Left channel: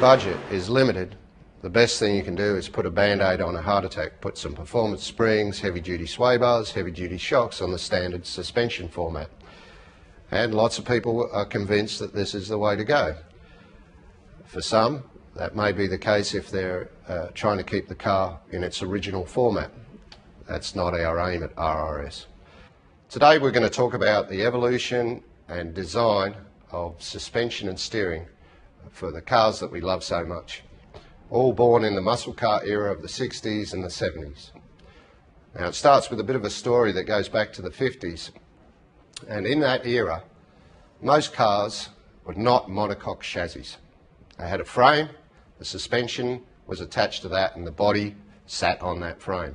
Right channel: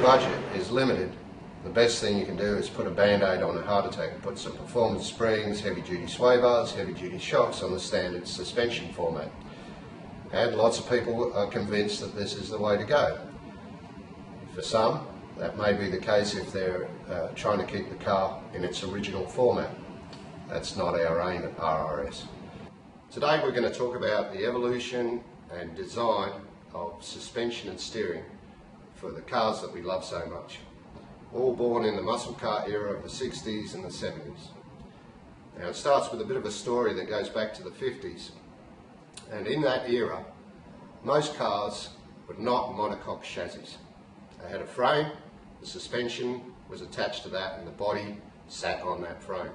budget is limited, the best thing you can do is put a band-aid on a heart attack, put some performance springs, heavy-duty sway bars, heavy-duty shocks on the standard suspension format. And lots of people are convinced that this is the way to go. For some, that may be the case if they're trying to keep the car in its original format. That's not our aim at RRS. Today we're going to talk about the evolution and design of suspension and steering for the cars that we love so much. All born in the muscle car era of the 60s and the 70s. Now it starts with a bit of a story that goes back to the 50s. And in that era, most cars were not monocoque chassis. They had a frame, the suspension was attached to that, and the body sat on that frame.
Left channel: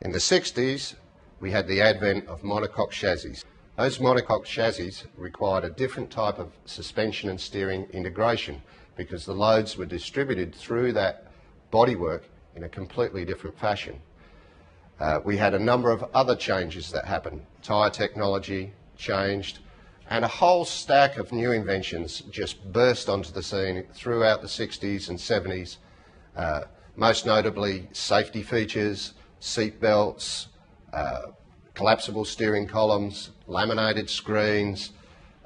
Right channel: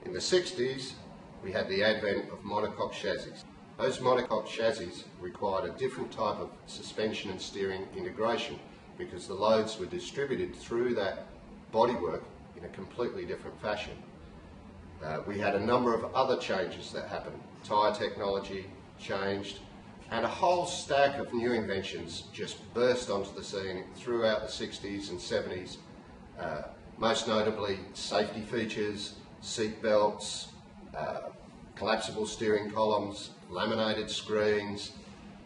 In the 60s, we had the advent of monocoque chassis. Those monocoque chassis required a different type of suspension and steering integration because the loads were distributed through that bodywork in a completely different fashion. We had a number of other changes that happened. Tyre technology changed, and a whole stack of new inventions just burst onto the scene throughout the 60s and 70s, most notably safety features, seat belts, collapsible steering columns, laminated screens,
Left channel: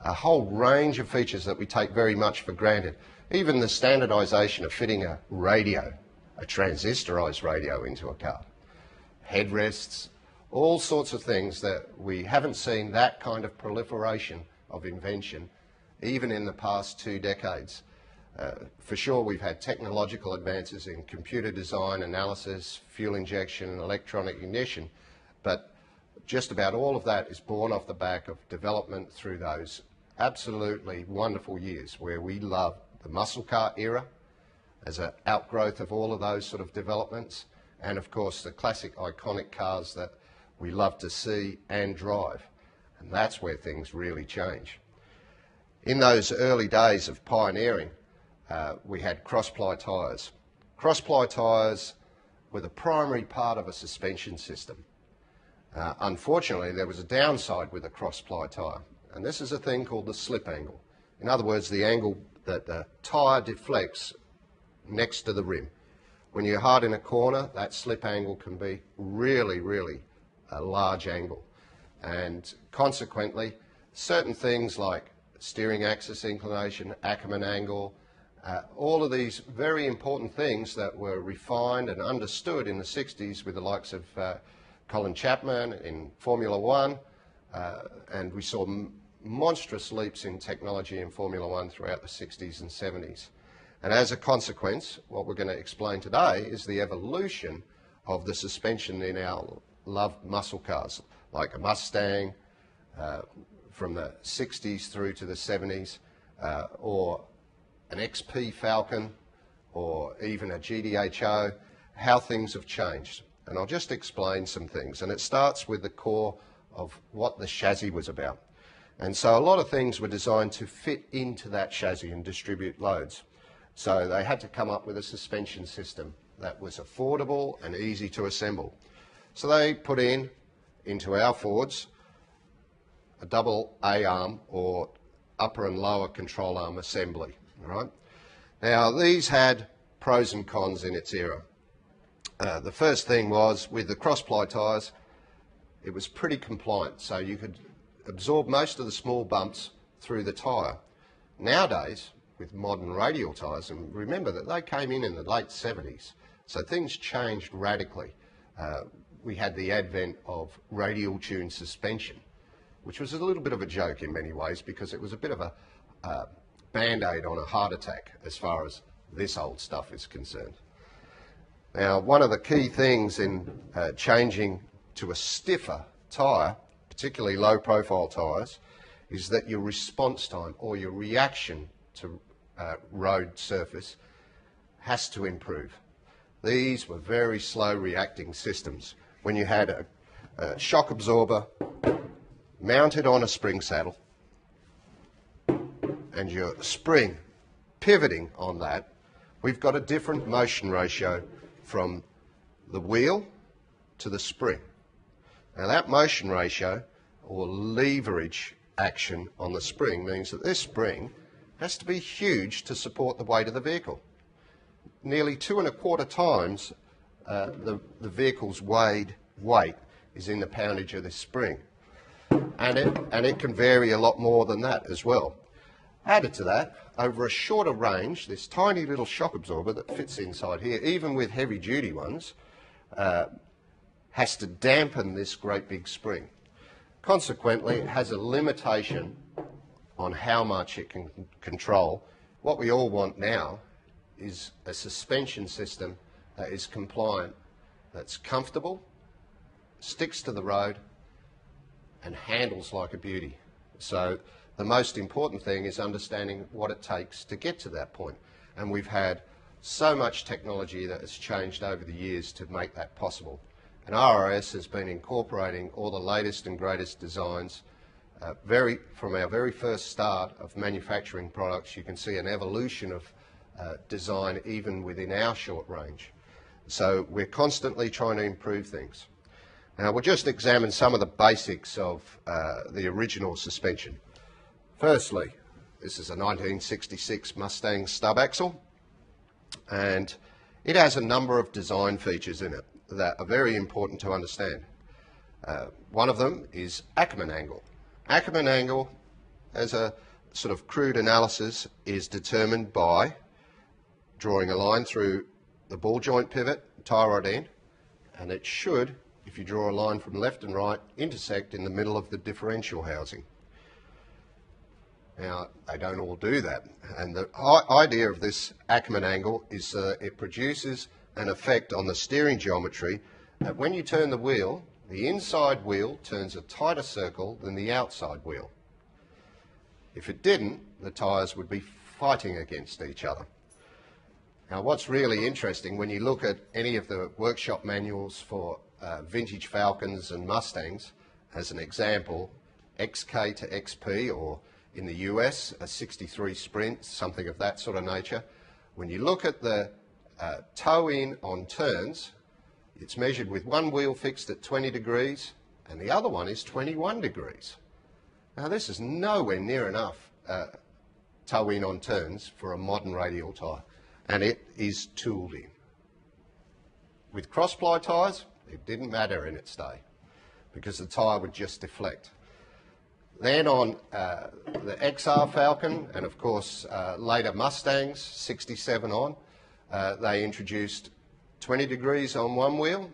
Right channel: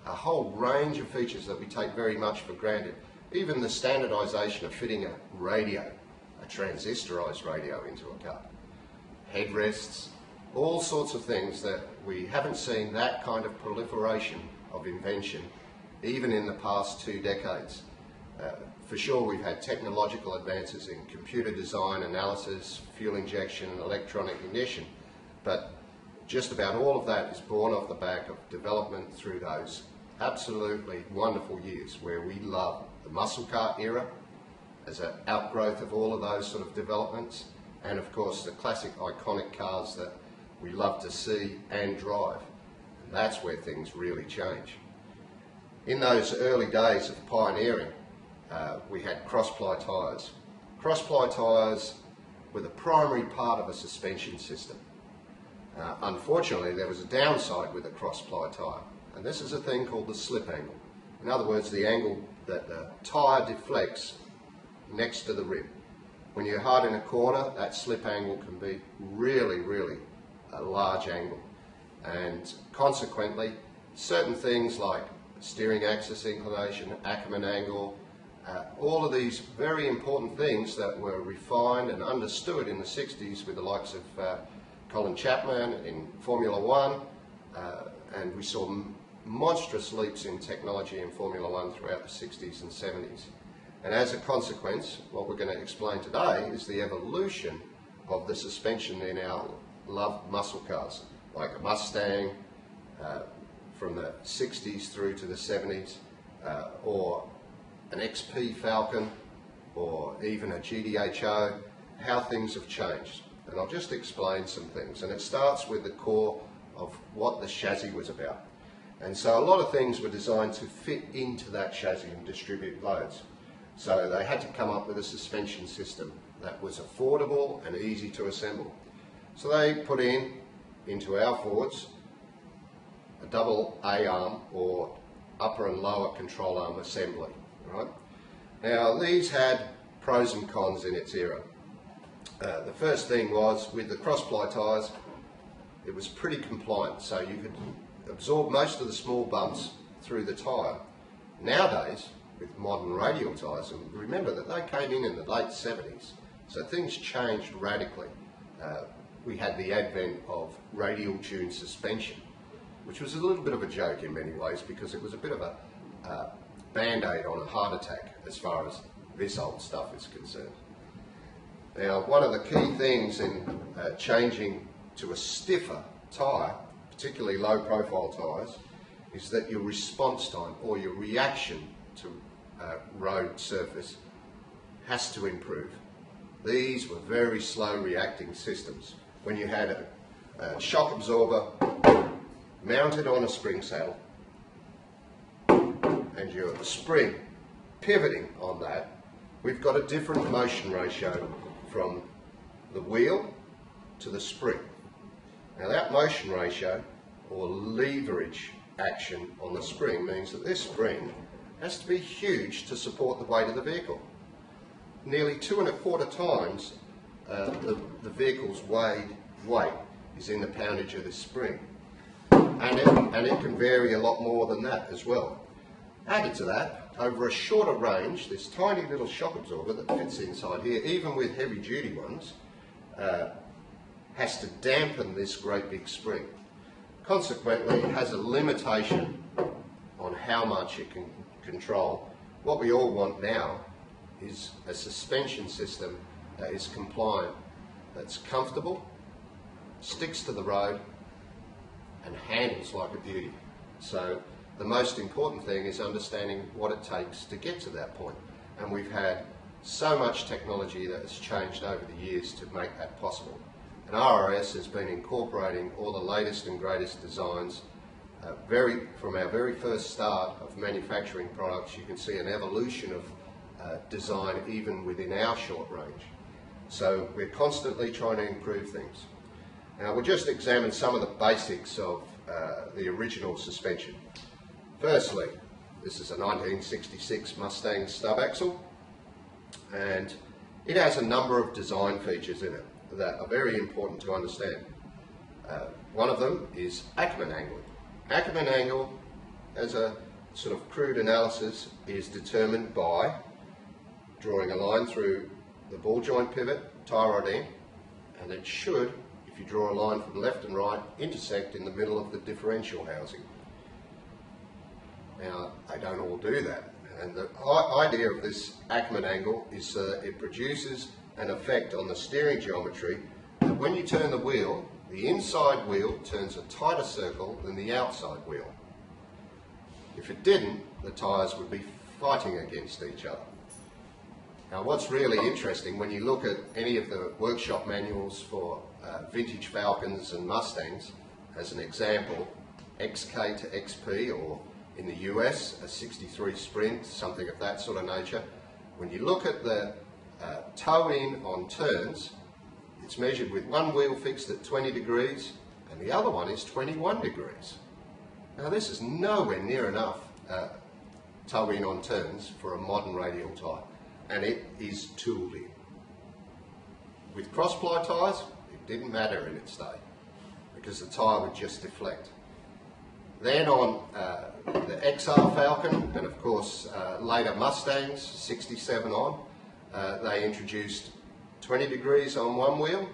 a whole range of features that we take very much for granted. Even the standardisation of fitting a radio, a transistorised radio into a car, headrests, all sorts of things that we haven't seen that kind of proliferation of invention even in the past 2 decades. For sure we've had technological advances in computer design, analysis, fuel injection and electronic ignition, but just about all of that is born off the back of development through those absolutely wonderful years where we love the muscle car era as an outgrowth of all of those sort of developments, and of course the classic iconic cars that we love to see and drive. And that's where things really change. In those early days of pioneering, we had cross-ply tyres. Cross-ply tyres were the primary part of a suspension system. Unfortunately, there was a downside with a cross-ply tyre, and this is a thing called the slip angle. In other words, the angle that the tyre deflects next to the rim. When you're hard in a corner, that slip angle can be really, really a large angle, and consequently certain things like steering axis inclination, Ackerman angle, all of these very important things that were refined and understood in the 60s with the likes of Colin Chapman in Formula One, and we saw monstrous leaps in technology in Formula One throughout the 60s and 70s. And as a consequence, what we're going to explain today is the evolution of the suspension in our loved muscle cars, like a Mustang from the 60s through to the 70s, or an XP Falcon, or even a GDHO, how things have changed. And I'll just explain some things, and it starts with the core of what the chassis was about. And so a lot of things were designed to fit into that chassis and distribute loads. So they had to come up with a suspension system that was affordable and easy to assemble. So they put into our Fords, a double A-arm or upper and lower control arm assembly. Right? Now these had pros and cons in its era. The first thing was, with the cross-ply tyres, it was pretty compliant, so you could absorb most of the small bumps through the tyre. Nowadays, with modern radial tyres, and remember that they came in the late 70s, so things changed radically. We had the advent of radial tune suspension, which was a little bit of a joke in many ways because it was a bit of a band-aid on a heart attack as far as this old stuff is concerned. Now, one of the key things in changing to a stiffer tyre, particularly low-profile tyres, is that your response time or your reaction to road surface has to improve. These were very slow reacting systems. When you had a shock absorber mounted on a spring saddle and your spring pivoting on that, we've got a different motion ratio from the wheel to the spring. Now that motion ratio or leverage action on the spring means that this spring has to be huge to support the weight of the vehicle. nearly 2.25 times the vehicle's weight is in the poundage of this spring. And it can vary a lot more than that as well. Added to that, over a shorter range, this tiny little shock absorber that fits inside here, even with heavy duty ones, has to dampen this great big spring. Consequently, it has a limitation on how much it can control. What we all want now is a suspension system that is compliant, that's comfortable, sticks to the road, and handles like a beauty. So the most important thing is understanding what it takes to get to that point. And we've had so much technology that has changed over the years to make that possible. And RRS has been incorporating all the latest and greatest designs. From our very first start of manufacturing products, you can see an evolution of design even within our short range. So we're constantly trying to improve things. Now we'll just examine some of the basics of the original suspension. Firstly, this is a 1966 Mustang stub axle, and it has a number of design features in it that are very important to understand. One of them is Ackerman angle. Ackerman angle, as a sort of crude analysis, is determined by drawing a line through the ball joint pivot, tie rod end, and it should, if you draw a line from left and right, intersect in the middle of the differential housing. Now, they don't all do that, and the idea of this Ackerman angle is that it produces an effect on the steering geometry that when you turn the wheel, the inside wheel turns a tighter circle than the outside wheel. If it didn't, the tyres would be fighting against each other. Now what's really interesting, when you look at any of the workshop manuals for vintage Falcons and Mustangs, as an example, XK to XP, or in the US, a 63 Sprint, something of that sort of nature, when you look at the toe in on turns, it's measured with one wheel fixed at 20 degrees and the other one is 21 degrees. Now this is nowhere near enough toe in on turns for a modern radial tyre, and it is tooled in. With cross-ply tyres, it didn't matter in its day because the tyre would just deflect. Then on the XR Falcon and of course later Mustangs, 67 on, they introduced 20 degrees on one wheel,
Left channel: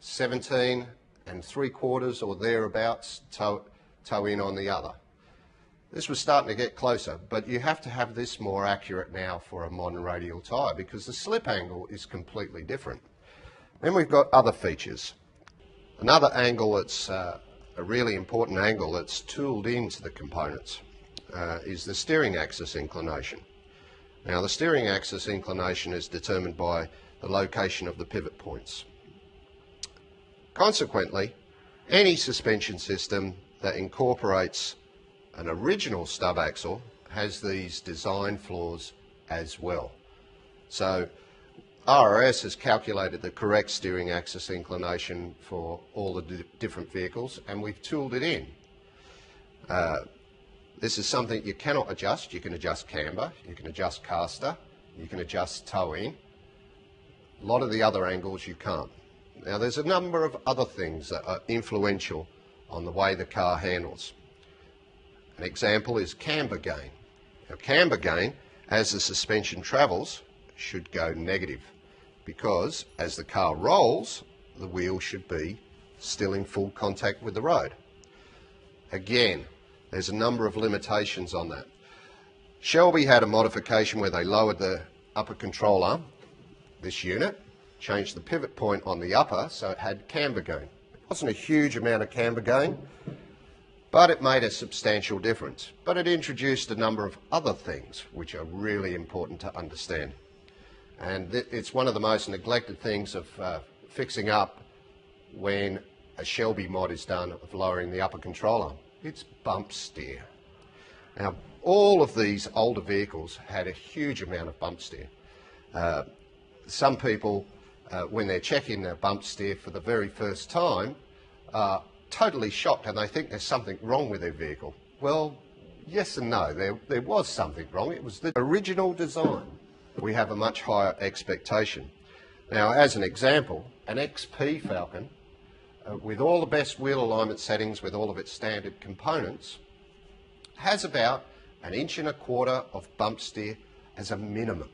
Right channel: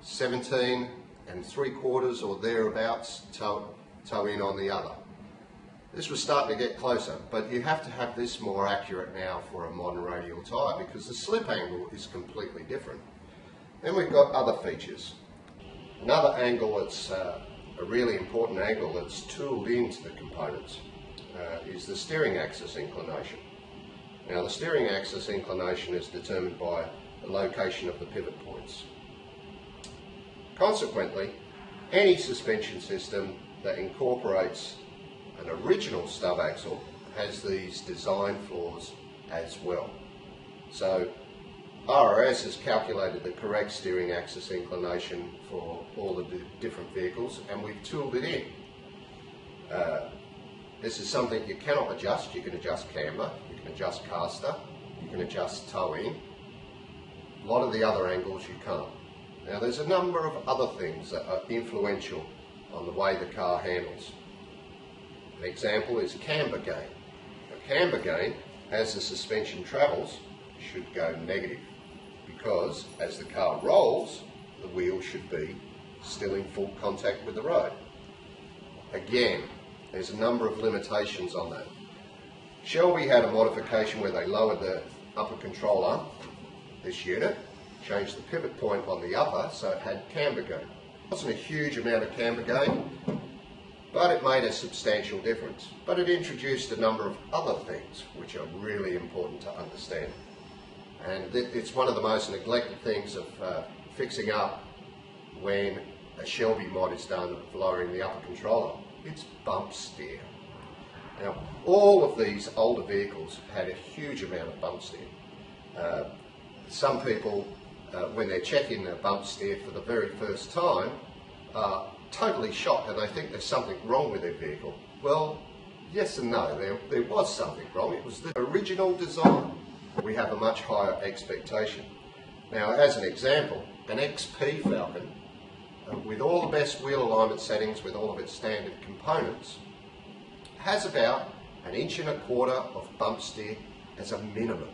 17 3/4 or thereabouts toe in on the other. This was starting to get closer, but you have to have this more accurate now for a modern radial tyre because the slip angle is completely different. Then we've got other features. Another angle that's a really important angle that's tooled into the components is the steering axis inclination. Now the steering axis inclination is determined by the location of the pivot points. Consequently, any suspension system that incorporates an original stub axle has these design flaws as well. So RRS has calculated the correct steering axis inclination for all the different vehicles, and we've tooled it in. This is something you cannot adjust. You can adjust camber, you can adjust caster, you can adjust toe in. A lot of the other angles you can't. Now there's a number of other things that are influential on the way the car handles. An example is camber gain. Now camber gain, as the suspension travels, should go negative because as the car rolls, the wheel should be still in full contact with the road. Again, there's a number of limitations on that. Shelby had a modification where they lowered the upper control arm, this unit, changed the pivot point on the upper so it had camber gain. It wasn't a huge amount of camber gain, but it made a substantial difference. But it introduced a number of other things which are really important to understand. And it's one of the most neglected things of fixing up when a Shelby mod is done of lowering the upper control arm. It's bump steer. Now, all of these older vehicles had a huge amount of bump steer. Some people, when they're checking their bump steer for the very first time, are totally shocked and they think there's something wrong with their vehicle. Well, yes and no. There was something wrong. It was the original design. we have a much higher expectation. Now, as an example, an XP Falcon, with all the best wheel alignment settings, with all of its standard components, has about 1.25 inches of bump steer as a minimum.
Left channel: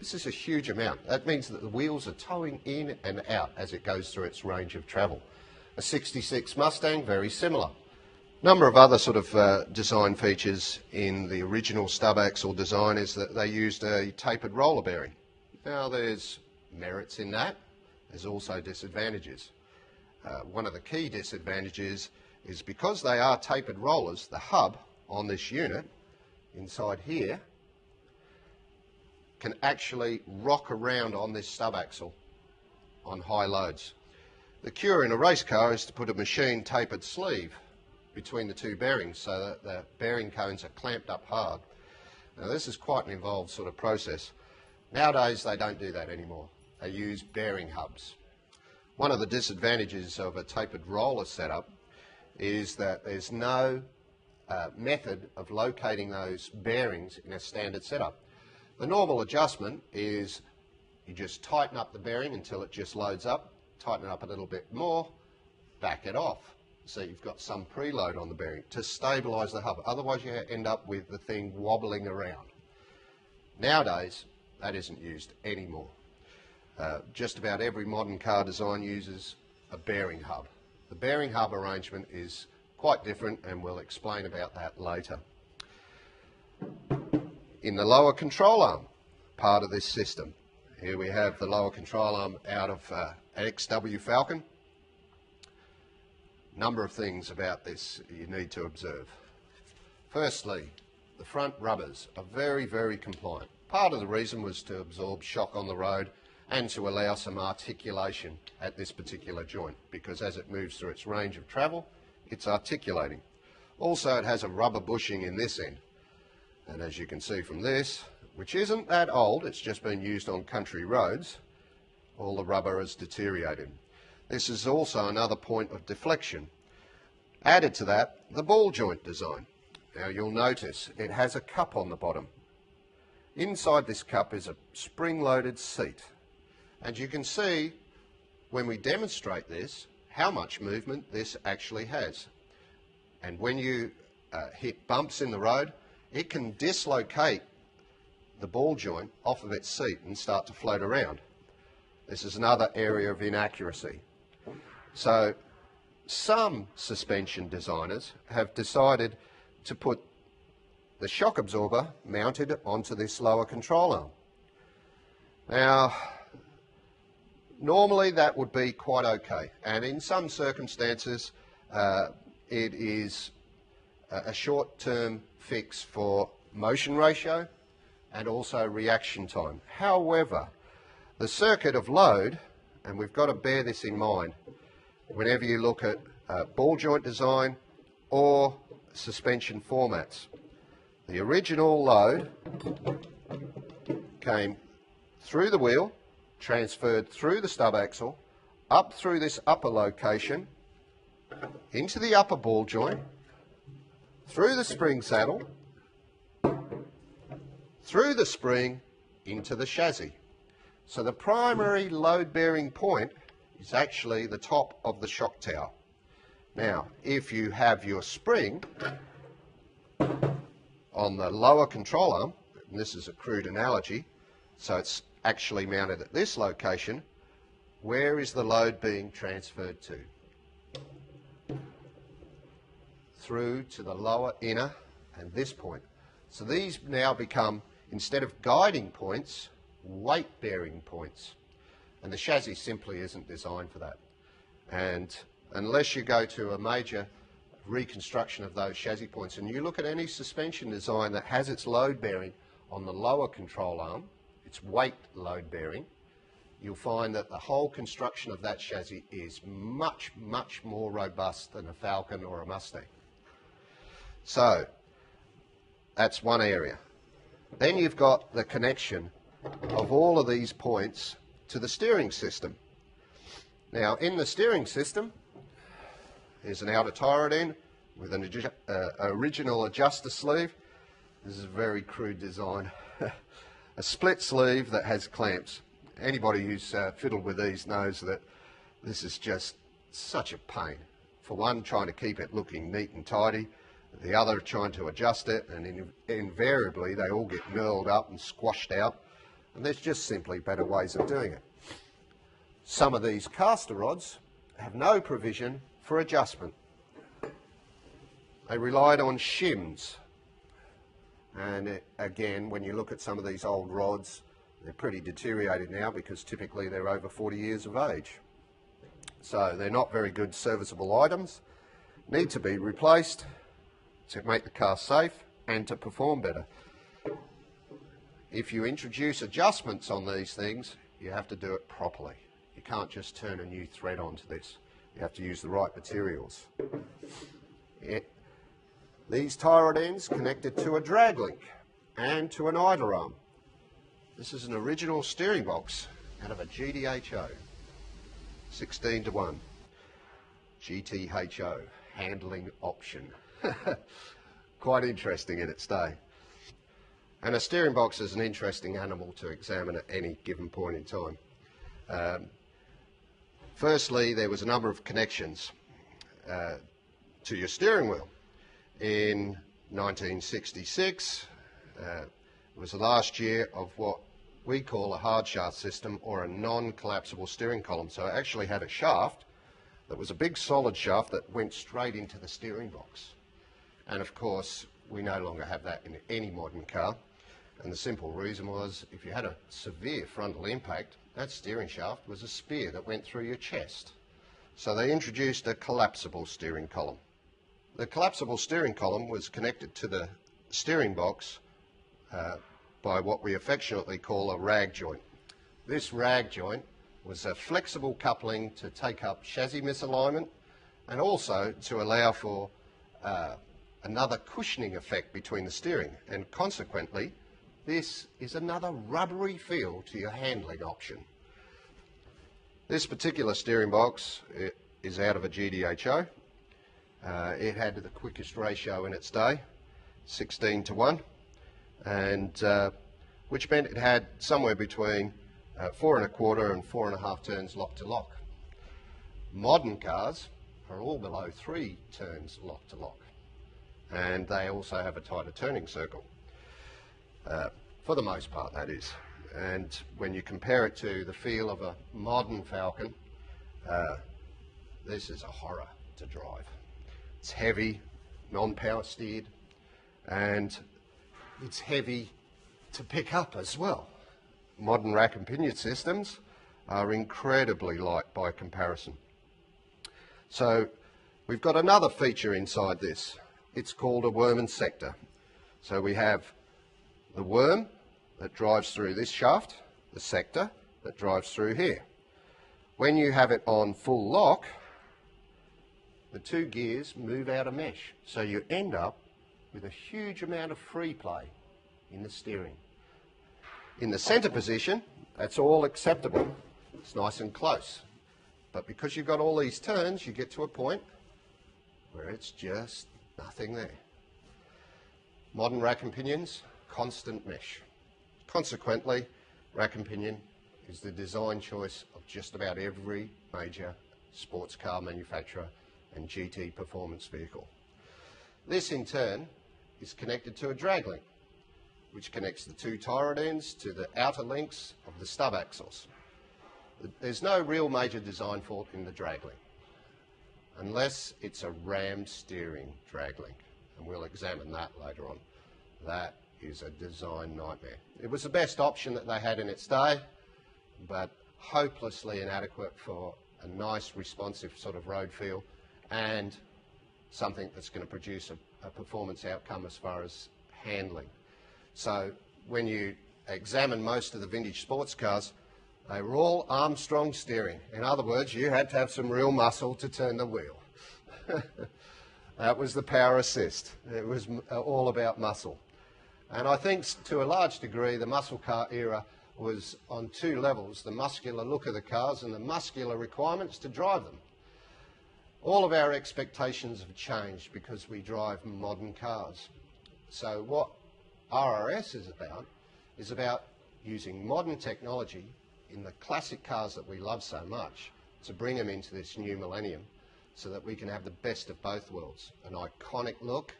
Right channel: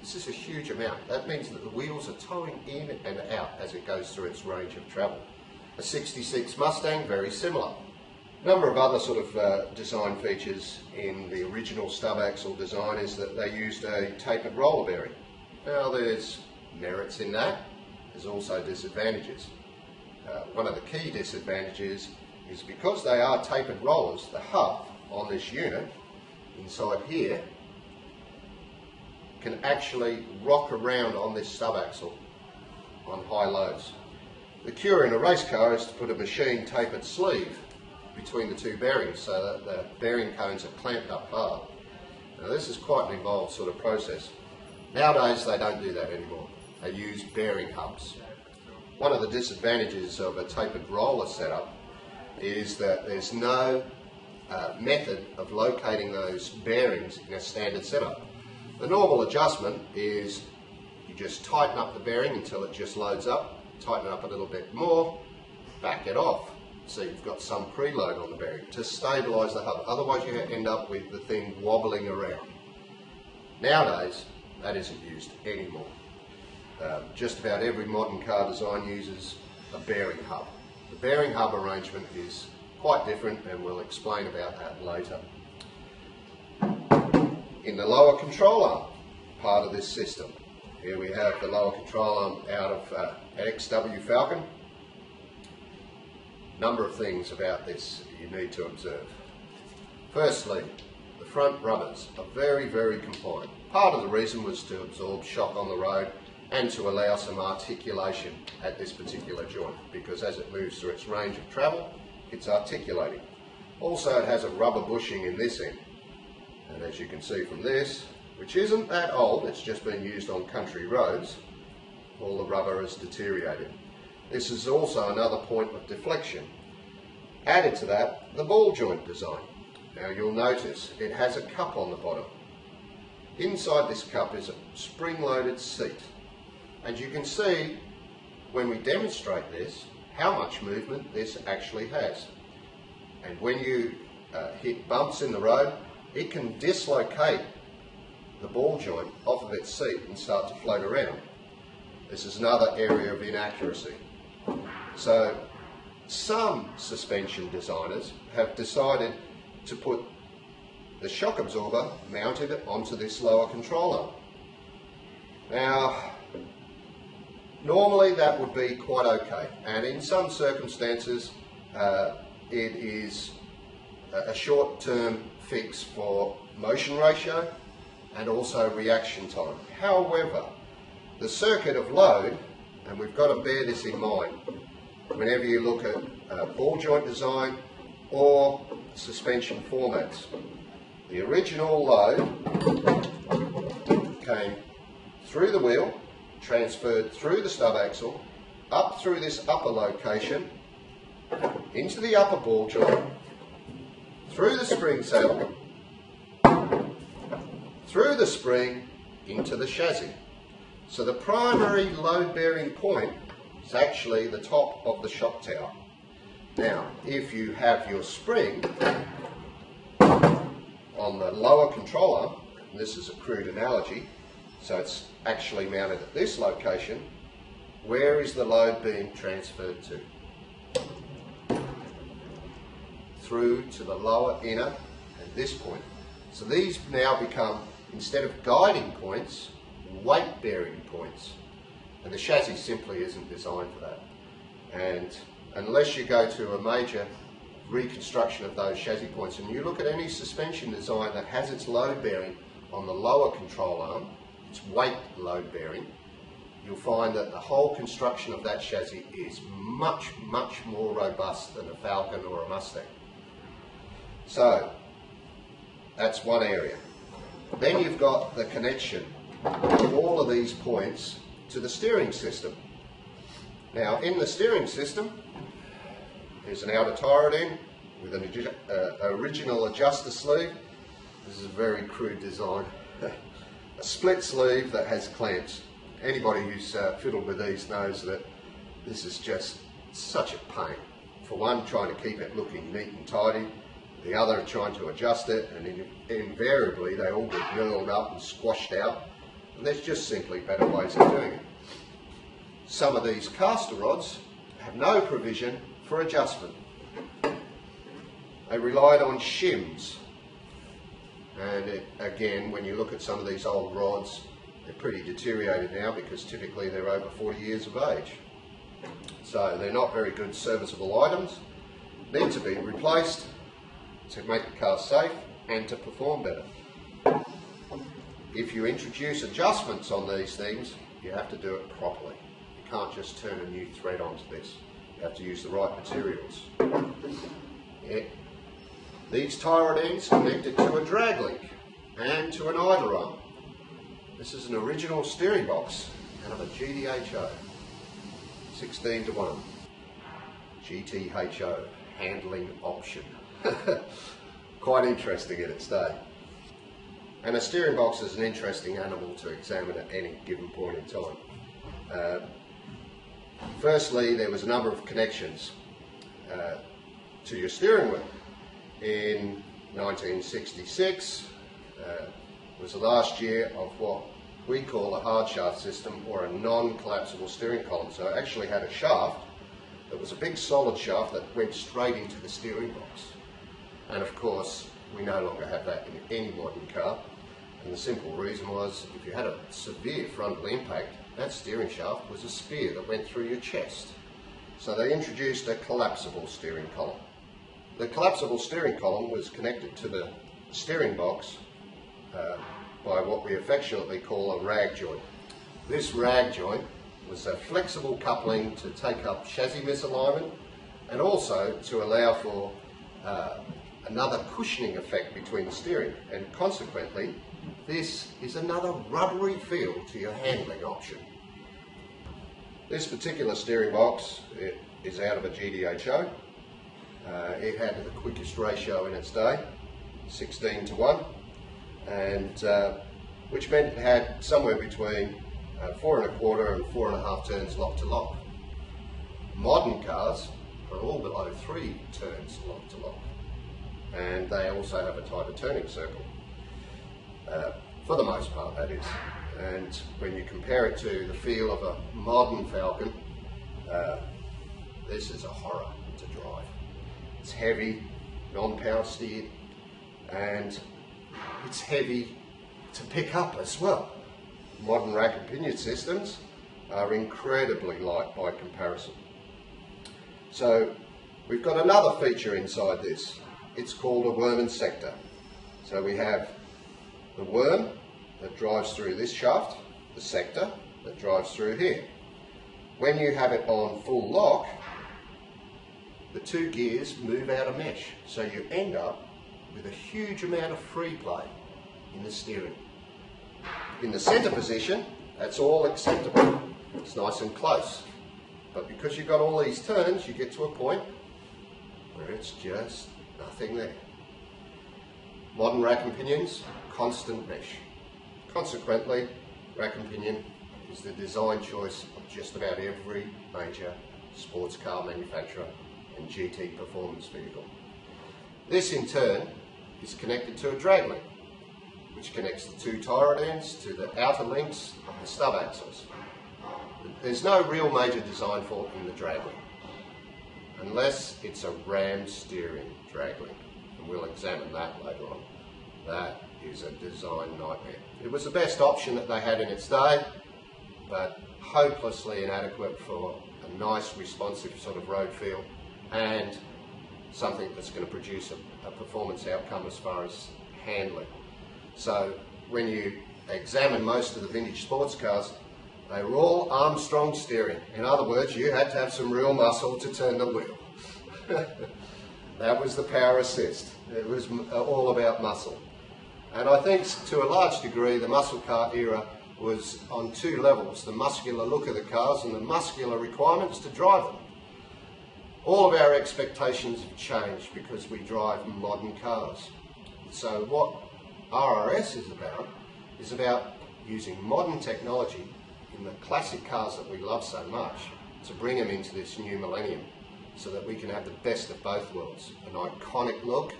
This is a huge amount. That means that the wheels are towing in and out as it goes through its range of travel. A 66 Mustang, very similar. Number of other sort of design features in the original stub axle design is that they used a tapered roller bearing. Now there's merits in that, there's also disadvantages. One of the key disadvantages is because they are tapered rollers, the hub on this unit inside here can actually rock around on this stub axle on high loads. The cure in a race car is to put a machine tapered sleeve between the two bearings so that the bearing cones are clamped up hard. Now this is quite an involved sort of process. Nowadays they don't do that anymore. They use bearing hubs. One of the disadvantages of a tapered roller setup is that there's no method of locating those bearings in a standard setup. The normal adjustment is you just tighten up the bearing until it just loads up, tighten it up a little bit more, back it off. So you've got some preload on the bearing to stabilise the hub. Otherwise you end up with the thing wobbling around. Nowadays that isn't used anymore. Just about every modern car design uses a bearing hub. The bearing hub arrangement is quite different and we'll explain about that later. In the lower control arm part of this system, here we have the lower control arm out of an XW Falcon. Number of things about this you need to observe. Firstly, the front rubbers are very, very compliant. Part of the reason was to absorb shock on the road and to allow some articulation at this particular joint, because as it moves through its range of travel, it's articulating. Also, it has a rubber bushing in this end, and as you can see from this, which isn't that old, it's just been used on country roads, all the rubber has deteriorated. This is also another point of deflection. Added to that, the ball joint design. Now you'll notice it has a cup on the bottom. Inside this cup is a spring-loaded seat. And you can see, when we demonstrate this, how much movement this actually has. And when you hit bumps in the road, it can dislocate the ball joint off of its seat and start to float around. This is another area of inaccuracy. So some suspension designers have decided to put the shock absorber mounted onto this lower control arm. Now, normally that would be quite okay, and in some circumstances it is a short-term fix for motion ratio and also reaction time. However, the circuit of load, and we've got to bear this in mind whenever you look at ball joint design or suspension formats. The original load came through the wheel, transferred through the stub axle, up through this upper location, into the upper ball joint, through the spring saddle, through the spring, into the chassis. So the primary load-bearing point is actually the top of the shock tower. Now, if you have your spring on the lower control arm, and this is a crude analogy, so it's actually mounted at this location, where is the load being transferred to? Through to the lower inner at this point. So these now become, instead of guiding points, weight-bearing points. And the chassis simply isn't designed for that. And unless you go to a major reconstruction of those chassis points, and you look at any suspension design that has its load bearing on the lower control arm, its weight load bearing, you'll find that the whole construction of that chassis is much, much more robust than a Falcon or a Mustang. So that's one area. Then you've got the connection of all of these points to the steering system. Now, in the steering system, there's an outer tie rod end with an original adjuster sleeve. This is a very crude design. a split sleeve that has clamps. Anybody who's fiddled with these knows that this is just such a pain. For one, trying to keep it looking neat and tidy, the other trying to adjust it, and invariably they all get knurled up and squashed out, and there's just simply better ways of doing it. Some of these caster rods have no provision for adjustment. They relied on shims, and again, when you look at some of these old rods, they're pretty deteriorated now because typically they're over 40 years of age. So they're not very good serviceable items, need to be replaced to make the car safe and to perform better. If you introduce adjustments on these things, you have to do it properly. You can't just turn a new thread onto this. You have to use the right materials. These tie rod ends connected to a drag link and to an idler arm. This is an original steering box out of a GTHO, 16:1. GTHO, handling option. Quite interesting in its day. And a steering box is an interesting animal to examine at any given point in time. Firstly, there was a number of connections to your steering wheel. In 1966 was the last year of what we call a hard shaft system, or a non-collapsible steering column. So it actually had a shaft that was a big solid shaft that went straight into the steering box. And of course, we no longer have that in any modern car. And the simple reason was, if you had a severe frontal impact, that steering shaft was a spear that went through your chest. So they introduced a collapsible steering column. The collapsible steering column was connected to the steering box by what we affectionately call a rag joint. This rag joint was a flexible coupling to take up chassis misalignment and also to allow for another cushioning effect between the steering, and consequently this is another rubbery feel to your handling option. This particular steering box is out of a GTHO. It had the quickest ratio in its day, 16:1, and which meant it had somewhere between 4 1/4 and 4 1/2 turns lock to lock. Modern cars are all below 3 turns lock to lock, and they also have a tighter turning circle, for the most part that is. And when you compare it to the feel of a modern Falcon, this is a horror to drive. It's heavy, non-power steered, and it's heavy to pick up as well. Modern rack and pinion systems are incredibly light by comparison. So we've got another feature inside this. It's called a worm and sector. So we have the worm that drives through this shaft, the sector that drives through here. When you have it on full lock, the two gears move out of mesh, so you end up with a huge amount of free play in the steering. In the centre position, that's all acceptable. It's nice and close. But because you've got all these turns, you get to a point where it's just nothing there. Modern rack and pinions, constant mesh. Consequently, rack and pinion is the design choice of just about every major sports car manufacturer and GT performance vehicle. This in turn is connected to a drag link, which connects the two tie rod ends to the outer links of the stub axles. There's no real major design fault in the drag link, unless it's a ram steering drag link, and we'll examine that later on. That is a design nightmare. It was the best option that they had in its day, but hopelessly inadequate for a nice responsive sort of road feel and something that's going to produce a performance outcome as far as handling. So when you examine most of the vintage sports cars, they were all Armstrong steering. In other words, you had to have some real muscle to turn the wheel. That was the power assist. It was all about muscle. And I think to a large degree the muscle car era was on two levels: the muscular look of the cars and the muscular requirements to drive them. All of our expectations have changed because we drive modern cars. So what RRS is about using modern technology in the classic cars that we love so much to bring them into this new millennium so that we can have the best of both worlds. An iconic look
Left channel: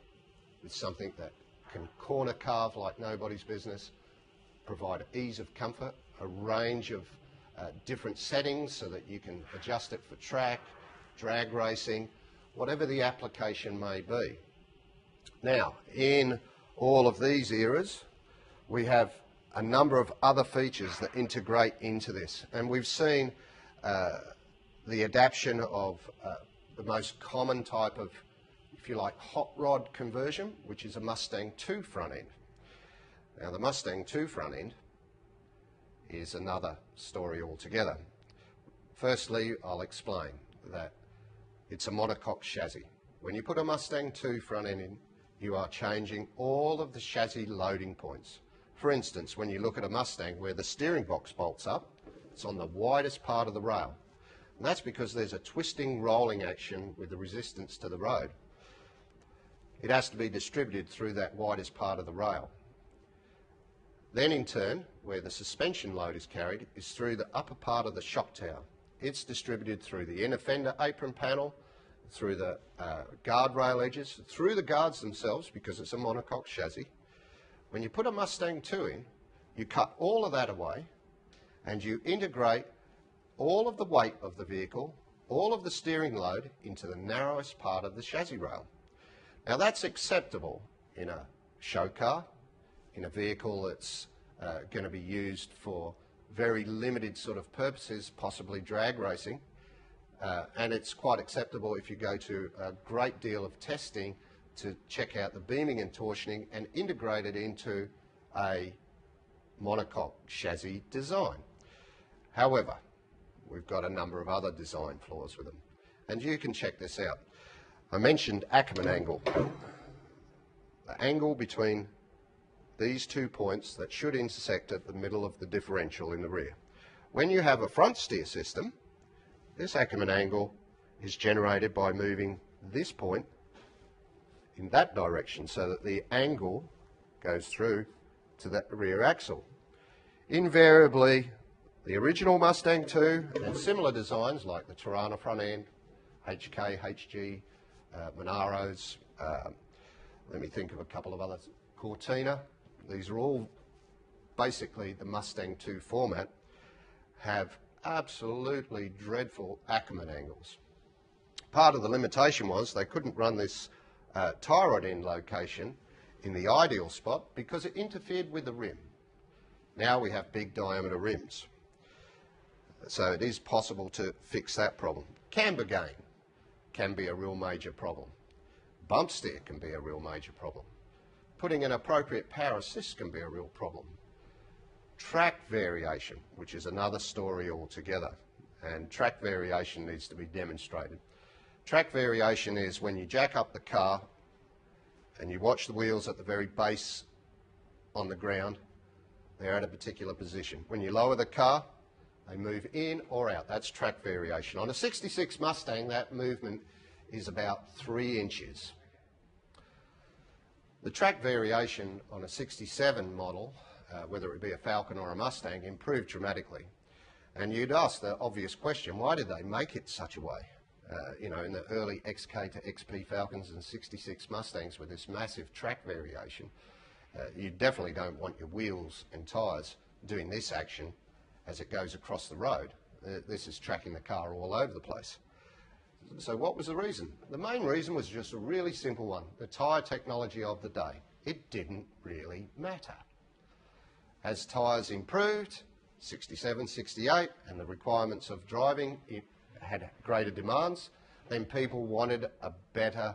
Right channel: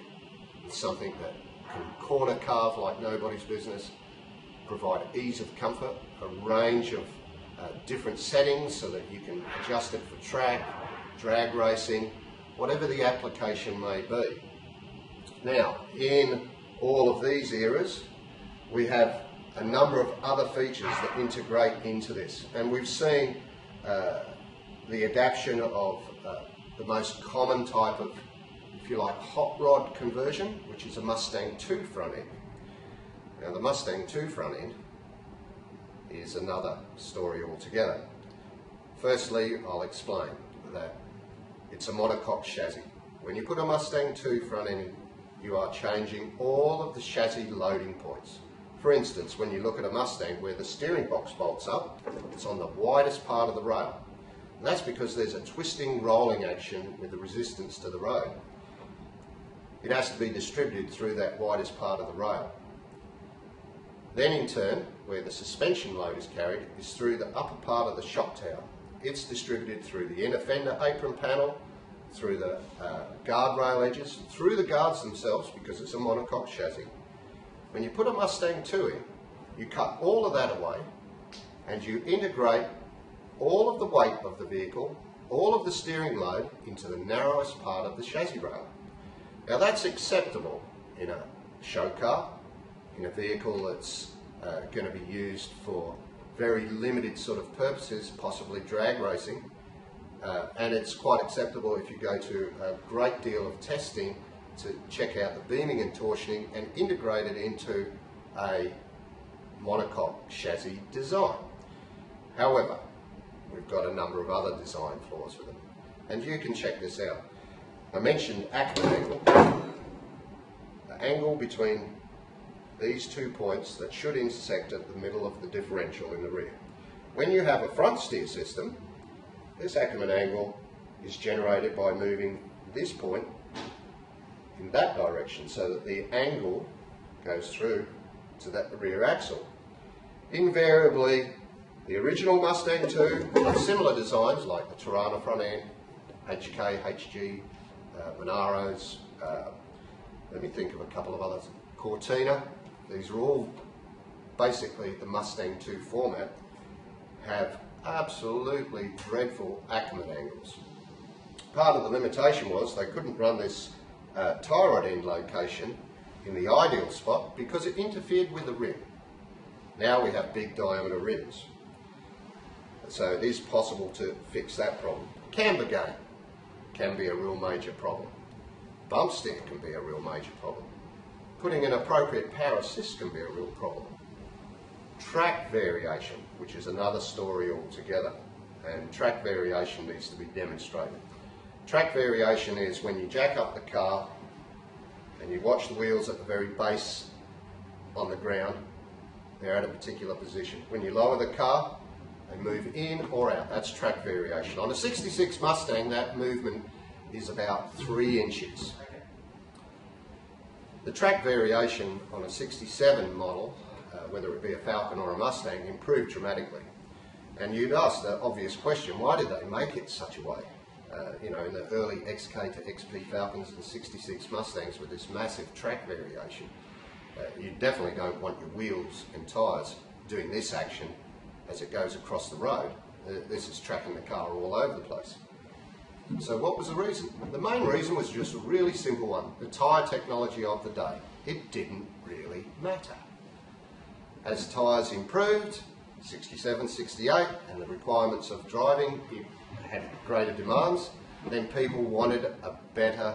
with something that can corner carve like nobody's business, provide ease of comfort, a range of different settings so that you can adjust it for track, drag racing, whatever the application may be. Now, in all of these eras, we have a number of other features that integrate into this, and we've seen the adaptation of the most common type of, if you like, hot rod conversion, which is a Mustang 2 front end. Now, the Mustang 2 front end is another story altogether. Firstly, I'll explain that it's a monocoque chassis. When you put a Mustang 2 front end in, you are changing all of the chassis loading points. For instance, when you look at a Mustang where the steering box bolts up, it's on the widest part of the rail. And that's because there's a twisting, rolling action with the resistance to the road. It has to be distributed through that widest part of the rail. Then in turn, where the suspension load is carried, is through the upper part of the shock tower. It's distributed through the inner fender apron panel, through the guardrail edges, through the guards themselves, because it's a monocoque chassis. When you put a Mustang 2 in, you cut all of that away and you integrate all of the weight of the vehicle, all of the steering load into the narrowest part of the chassis rail. Now that's acceptable in a show car, in a vehicle that's going to be used for very limited sort of purposes, possibly drag racing, and it's quite acceptable if you go to a great deal of testing to check out the beaming and torsioning and integrate it into a monocoque chassis design. However, we've got a number of other design flaws with them, and you can check this out. I mentioned Ackerman angle. The angle between these 2 points that should intersect at the middle of the differential in the rear. When you have a front steer system, this Ackerman angle is generated by moving this point in that direction so that the angle goes through to that rear axle. Invariably, the original Mustang 2 have similar designs like the Tirana front end, HK, HG, Monaros, let me think of a couple of others, Cortina. These are all basically the Mustang 2 format, have absolutely dreadful Ackerman angles. Part of the limitation was they couldn't run this tie rod end location in the ideal spot because it interfered with the rim. Now we have big diameter rims, so it is possible to fix that problem. Camber gain can be a real major problem. Bump steer can be a real major problem. Putting an appropriate power assist can be a real problem. Track variation, which is another story altogether, and track variation needs to be demonstrated. Track variation is when you jack up the car and you watch the wheels at the very base on the ground, they're at a particular position. When you lower the car, they move in or out. That's track variation. On a 66 Mustang, that movement is about 3 inches. The track variation on a 67 model, whether it be a Falcon or a Mustang, improved dramatically. And you'd ask the obvious question, why did they make it such a way? You know, in the early XK to XP Falcons and 66 Mustangs with this massive track variation, you definitely don't want your wheels and tyres doing this action as it goes across the road. This is tracking the car all over the place. So what was the reason? The main reason was just a really simple one. The tyre technology of the day. It didn't really matter. As tyres improved, 67, 68, and the requirements of driving had greater demands, then people wanted a better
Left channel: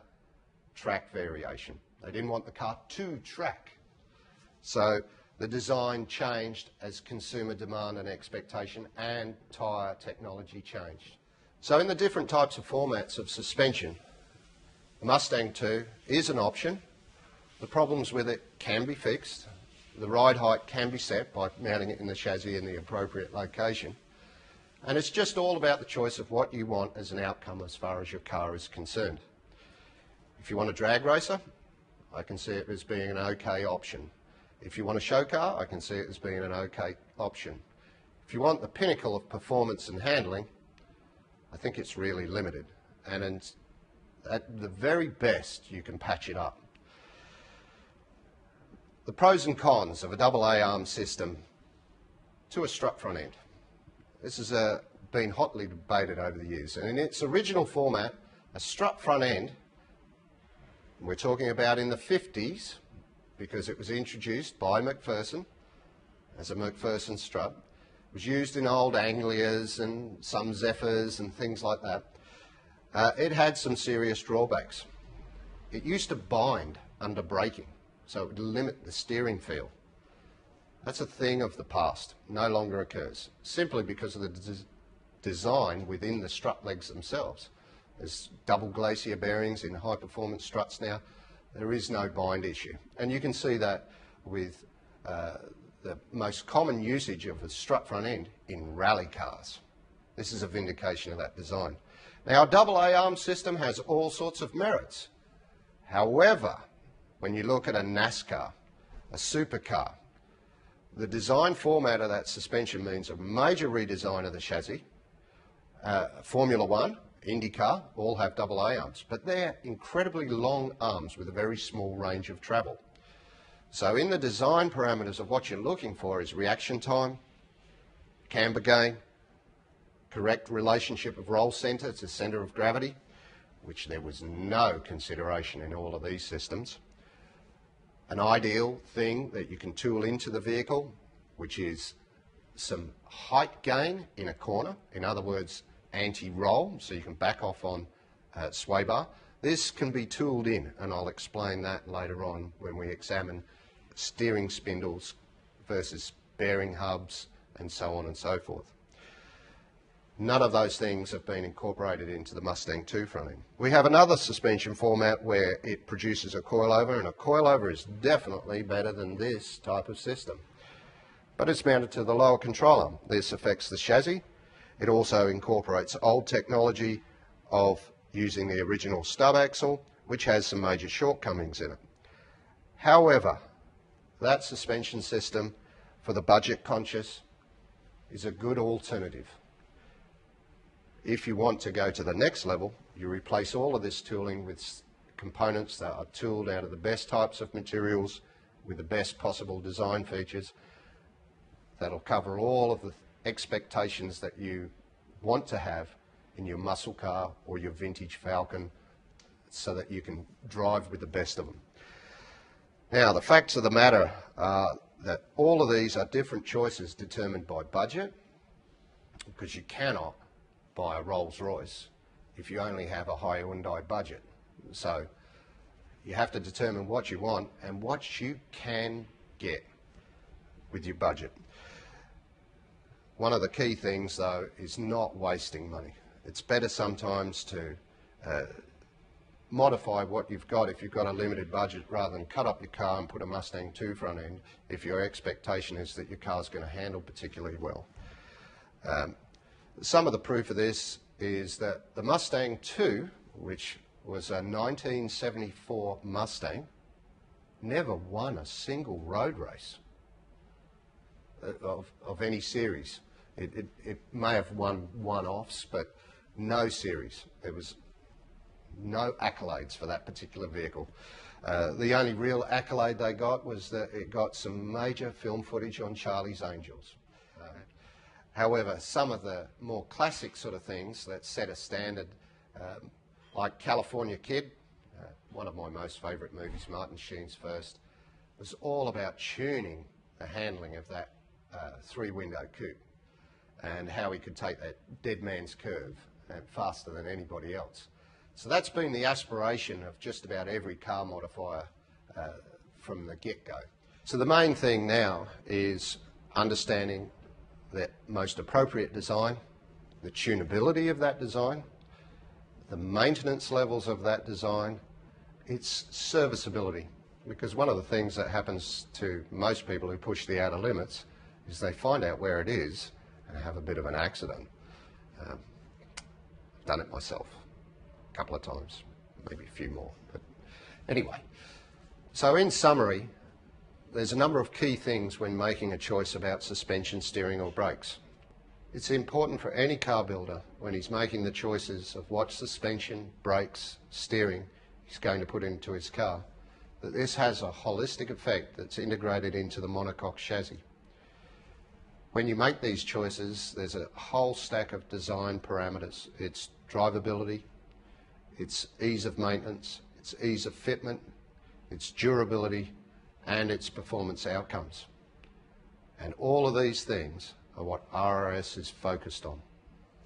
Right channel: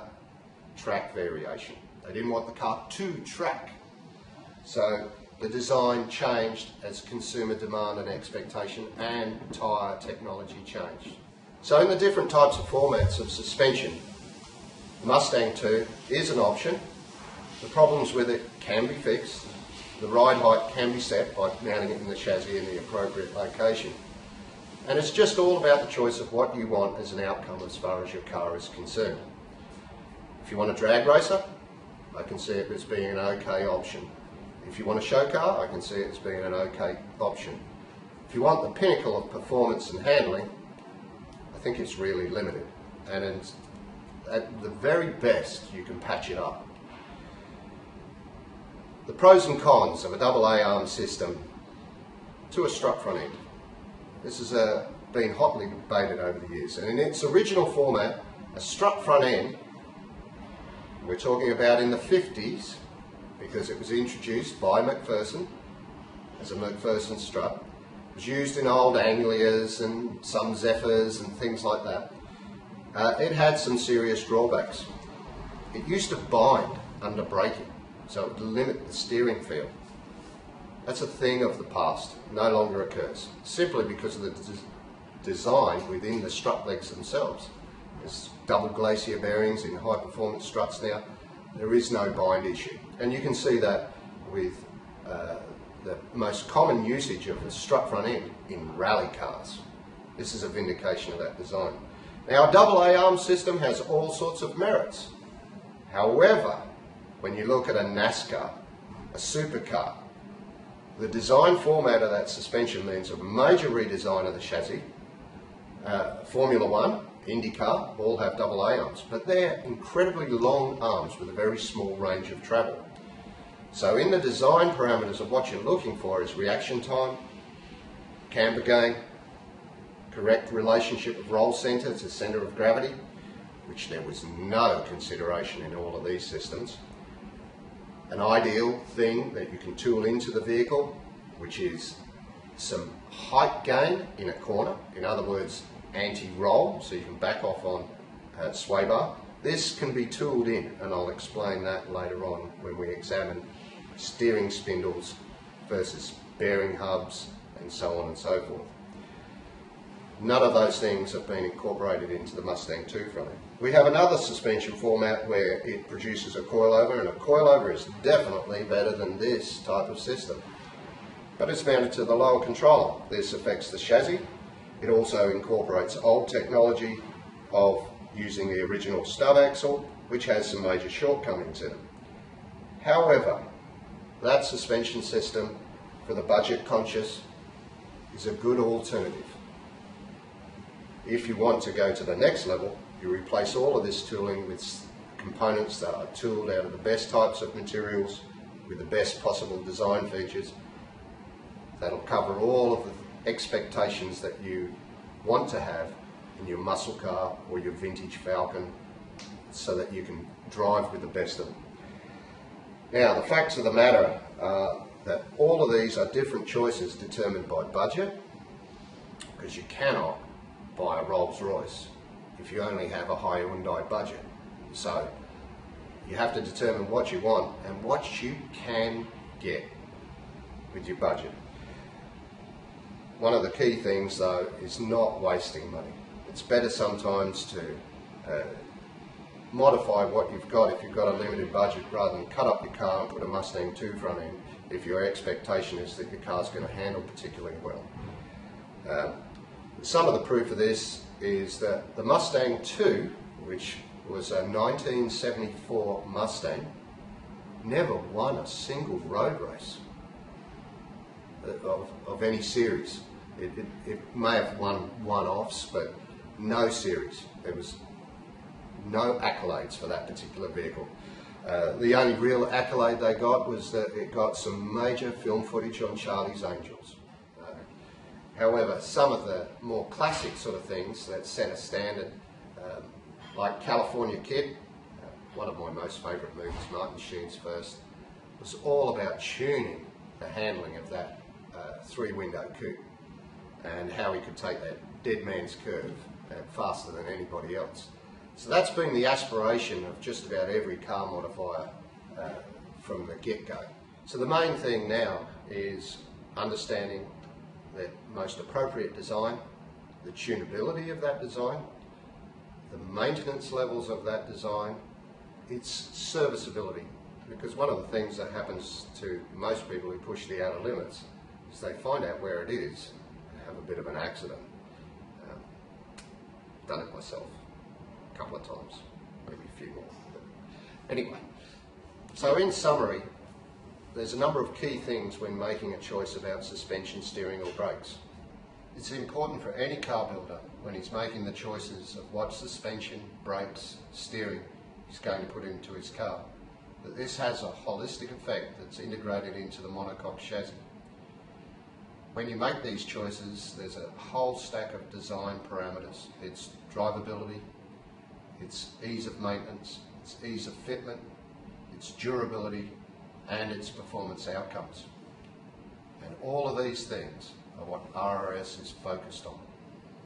track variation. They didn't want the car to track. So the design changed as consumer demand and expectation and tyre technology changed. So in the different types of formats of suspension, the Mustang 2 is an option. The problems with it can be fixed. The ride height can be set by mounting it in the chassis in the appropriate location. And it's just all about the choice of what you want as an outcome as far as your car is concerned. If you want a drag racer, I can see it as being an okay option. If you want a show car, I can see it as being an okay option. If you want the pinnacle of performance and handling, I think it's really limited. And it's, at the very best, you can patch it up. The pros and cons of a AA arm system to a strut front end. This has been hotly debated over the years. And in its original format, a strut front end, we're talking about in the 50s, because it was introduced by McPherson as a McPherson strut. It was used in old Anglias and some Zephyrs and things like that. It had some serious drawbacks. It used to bind under braking, so it would limit the steering feel. That's a thing of the past, no longer occurs, simply because of the design within the strut legs themselves. There's double glacier bearings in high performance struts now. There is no bind issue. And you can see that with the most common usage of the strut front end in rally cars. This is a vindication of that design. Now, a AA arm system has all sorts of merits. However, when you look at a NASCAR, a supercar, the design format of that suspension means a major redesign of the chassis. Formula One, IndyCar, all have AA arms, but they're incredibly long arms with a very small range of travel. So in the design parameters of what you're looking for is reaction time, camber gain, correct relationship of roll centre to centre of gravity, which there was no consideration in all of these systems. An ideal thing that you can tool into the vehicle, which is some height gain in a corner, in other words, anti-roll, so you can back off on sway bar. This can be tooled in, and I'll explain that later on when we examine steering spindles versus bearing hubs and so on and so forth. None of those things have been incorporated into the Mustang II front end. We have another suspension format where it produces a coilover, and a coilover is definitely better than this type of system. But it's mounted to the lower control arm. This affects the chassis. It also incorporates old technology of using the original stub axle, which has some major shortcomings in it. However, that suspension system for the budget conscious is a good alternative. If you want to go to the next level, you replace all of this tooling with components that are tooled out of the best types of materials with the best possible design features that'll cover all of the expectations that you want to have in your muscle car or your vintage Falcon, so that you can drive with the best of them. Now, the facts of the matter are that all of these are different choices determined by budget, because you cannot buy a Rolls Royce if you only have a Hyundai budget. So you have to determine what you want and what you can get with your budget. One of the key things, though, is not wasting money. It's better sometimes to modify what you've got if you've got a limited budget, rather than cut up your car and put a Mustang II front end if your expectation is that your car's going to handle particularly well. Some of the proof of this is that the Mustang II, which was a 1974 Mustang, never won a single road race of any series. It may have won one-offs, but no series. There was no accolades for that particular vehicle. The only real accolade they got was that it got some major film footage on Charlie's Angels. However, some of the more classic sort of things that set a standard, like California Kid, one of my most favourite movies, Martin Sheen's first, was all about tuning the handling of that three-window coupe and how he could take that dead man's curve faster than anybody else. So that's been the aspiration of just about every car modifier from the get-go. So the main thing now is understanding the most appropriate design, the tunability of that design, the maintenance levels of that design, its serviceability. Because one of the things that happens to most people who push the outer limits is they find out where it is and have a bit of an accident. Done it myself a couple of times, maybe a few more. But anyway, so in summary, there's a number of key things when making a choice about suspension, steering or brakes. It's important for any car builder when he's making the choices of what suspension, brakes, steering he's going to put into his car, that this has a holistic effect that's integrated into the monocoque chassis. When you make these choices, there's a whole stack of design parameters. It's drivability, it's ease of maintenance, it's ease of fitment, its durability, and its performance outcomes. And all of these things are what RRS is focused on.